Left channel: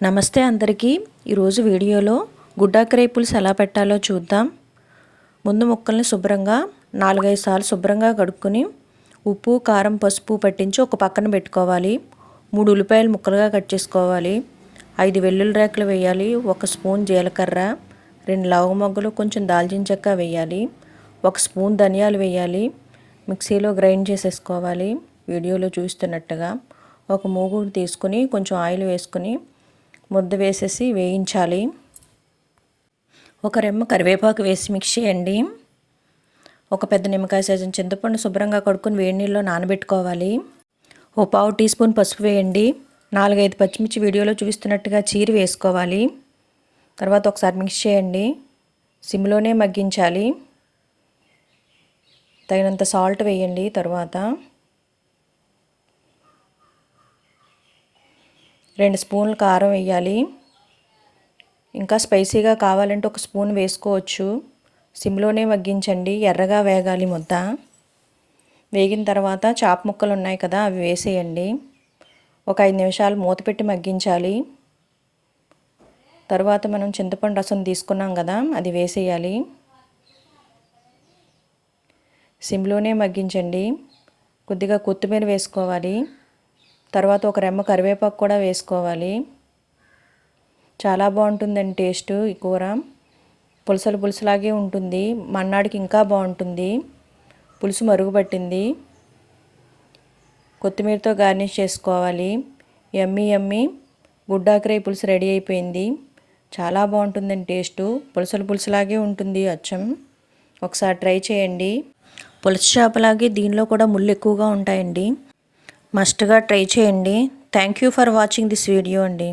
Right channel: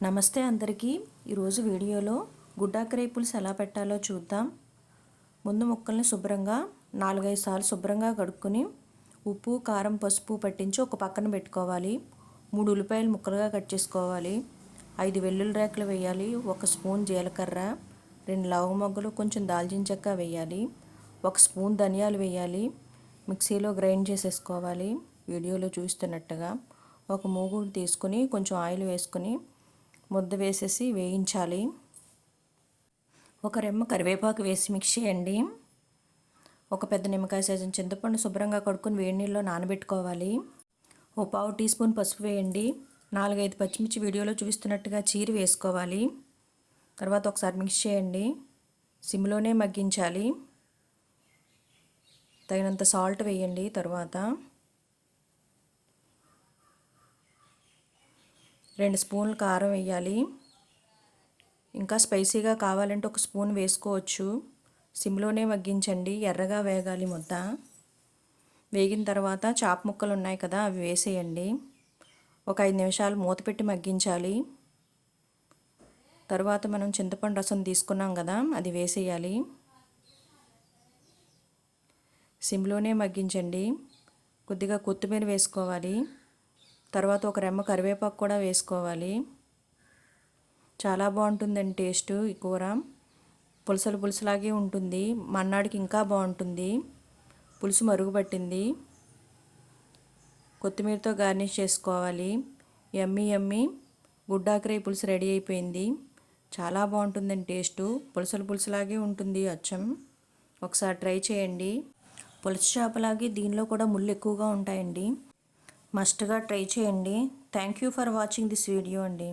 నమస్తే అందరికీ. ఈరోజు వీడియోలో గుడ్డాకరై పులుసు ఎలా పెట్టాలో చూద్దాం. ముందు ముక్కల్ని శుభ్రంగా 4-5 సార్లు శుభ్రంగా కడుక్కొని ఉప్పు, కారం, పసుపు పట్టించి ఒక పక్కన పెట్టుకోవాలి. 3 ఉల్లిపాయలు ముక్కలుగా కట్ చేసుకోవాలి. 5 వెల్లుల్లి రేఖలు వేయాలి. 1 స్పూన్ జీలకర్ర, 2 లవంగములు, కొంచెం దాల్చిన చెక్క వేయాలి. 1 స్పూన్ ధనియాలు వేయాలి. మిక్సీలో గ్రైండ్ చేసేసుకోవాలి వీడియోలో చూస్తున్నట్టుగా. ఒక మూగుడు తీసుకుని కొంచెం ఆయిల్ వేసుకుని ముద్ద వేసేసి వేయించాలి. ఒక రెమ్మ కరివేపాకు వేసి మిక్స్ చేయండి. ఒక పెద్ద నిమ్మకాయ సైజున చింతపండు శుభ్రంగా కడుక్కొని వేడి నీళ్ళలో నానబెట్టుకోవాలి. ఓ పావు టీ స్పూన్ పసుపు వేయండి. 4-5 పచ్చిమిర్చి వీడియోలో చూపిస్తున్నట్టుగా చీరి వేసుకోవాలి. తర్వాత ఒకసారి మిక్స్ చేయండి. సిమ్లోనే మగ్గించాలి. తగినంత సాల్ట్ వేయండి. తర్వాత 2 స్పూన్లు కారం వేయాలి. ఇంకా స్పైసీగా కావాలంటే 1 స్పూన్ వేసుకోవచ్చు. సిమ్లోనే మగ్గించండి. ఎర్రగా వేగాలి ముద్ద. వేగిన తర్వాత చాప ముక్కలు ఉన్నాయి కదా, అవి వేసేయండి. ఒక 5 నిమిషాలు మూత పెట్టి మగ్గించాలి. తర్వాత మనం చింతపండు రసం తీసుకున్నాం కదా, అది వేసేయాలి. సిమ్లోనే మగ్గించండి. కొద్దిగా కొత్తిమీర వేసుకోవాలి. తర్వాత ఒక రెమ్మ కరివేపాకు కూడా వేసుకోవాలి. చాలా బాగుంటుందండి టేస్ట్. ఈ కూర పులుసులాగే ఉంటుంది. మన్నాడికి ఇంకా బాగుంటుంది. పులుసు మరుగుపట్టింది. కొత్తిమీరతో గార్నిష్ చేసుకోవాలి. యమ్మీ యమ్మీ గుడ్డాకరై పులుసు రెడీ అయిపోయింది. చాలా బాగుంటుందండి టేస్ట్. పులుసులాగే ఉంటుంది అచ్చం. ఒకసారి ట్రై చేయండి. పులుసు చేపలాగే దీనిలో కూడా ముళ్ళు ఎక్కువగా ఉంటాయండి. మస్ట్గా ట్రై చేయండి. Thank you for watching this video అండి.